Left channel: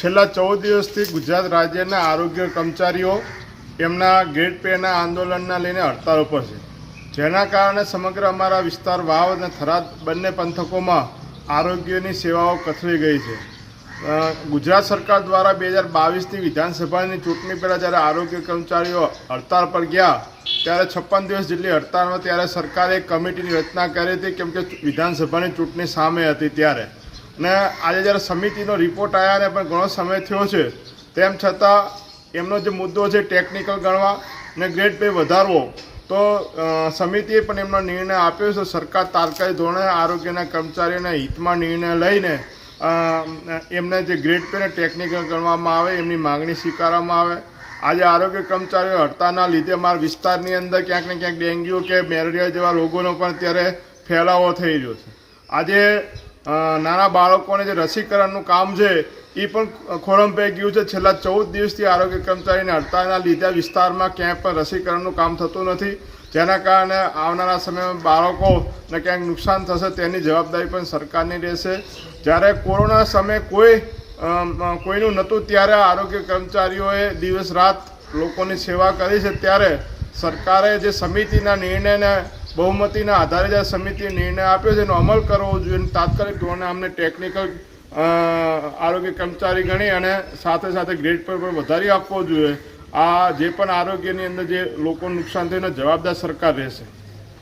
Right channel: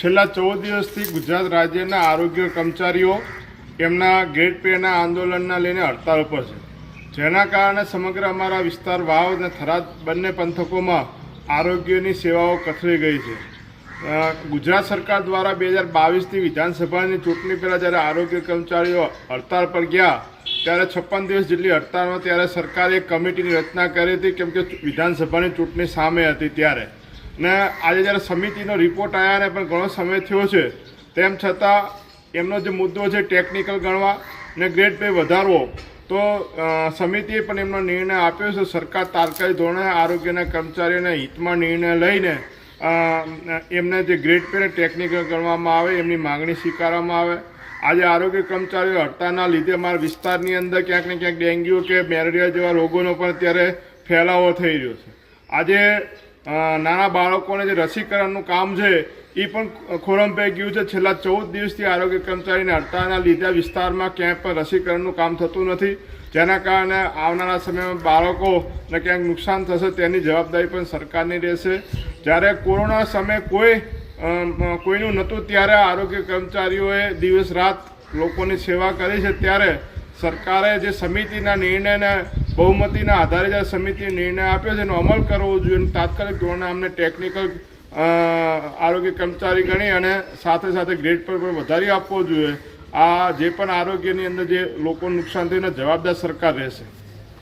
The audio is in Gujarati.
છેલ્લા 14 દિવસથી ગુજરાત રાજ્યના આરોગ્ય કર્મચારીઓ એમના ગ્રેડ પેના આંદોલનના લઈને હડતાળ ઉપર છે, જેના કારણે સમગ્ર અમારા વિસ્તાર વાવ અને થરાદ બંને પંથકોમાં આરોગ્યની સેવાઓ કથળી ગઈ છે. ગુજરાત સરકાર દ્વારા 2022ની વિધાનસભાની ચૂંટણી પહેલાં જ્યારે આરોગ્ય કર્મચારીઓ હડતાળ પર ગયા ત્યારે 56 દિવસ જેટલી હડતાળમાં ત્યારે સરકારે એક કમિટીની રચના કરી હતી, કેમ કે વિધાનસભાની ચૂંટણી સામે હતી ત્યારે. ને આજે જ્યારે સમિતિનો રિપોર્ટ આવ્યા ને પણ ઘણો સમય થયો છે, તેમ છતાં એમનો જે મુદ્દો છે ટેકનિકલ ગણવા ને ગ્રેડ પે વધારવો, તો સમિતિએ પણ એમનો નિર્ણય આપ્યો છે. સરકાર તાત્કાલિક ધોરણે આરોગ્યના કર્મચારીઓના હિતમાં નિર્ણય લઈને એમને જે ગ્રેડ પેને ટેકનિકલ ગણવામાં આવે, એમની માગણી સ્વીકારવામાં આવે. આજે આરોગ્ય કર્મચારીઓ હડતાળના લીધે અમારા વિસ્તારની અંદર ક્યાંક ને ક્યાંક ડેન્ગ્યુ કે મેલેરિયા જેવા રોગોનો પણ અત્યારે ફેલાવો થઈ રહ્યો છે. આજે નાના બાળકોને જે રસીકરણનું કામ છે એ પણ ખોરંભાઈ ગયું છે. છેલ્લા 14 દિવસથી આરોગ્ય કર્મચારીને હડતાળના લીધે વિસ્તારમાં ક્યાંય પણ રસીકરણનું કામ થતું નથી, જેના કારણે આવનારા સમયમાં બાળકોને ક્યાંક નુકસાન થશે તેની જવાબદારી પણ સરકારની રહેશે. જ્યારે કોરોના સમયે કોઈનું નહોતું ત્યારે આરોગ્ય કર્મચારીઓએ દિવસ રાત લોકોની સેવા કરી છે, ત્યારે સરકારે જે સમિતિના નિર્ણયને બહુમતીના આધારે જે સમિતિએ નિર્ણય આપ્યો છે એનો અમલ કરવો જોઈએ. તાત્કાલિક ધોરણે અમને ટેકનિકલ આરોગ્ય કર્મચારી ગણી અને સાથે સાથે ગ્રેડ પર પણ વધારી આપવો જોઈએ. આ જે પણ આરોગ્યની અંદર જે લોકોનું નુકસાન થયું એને જવાબદાર સરકાર રહેશે.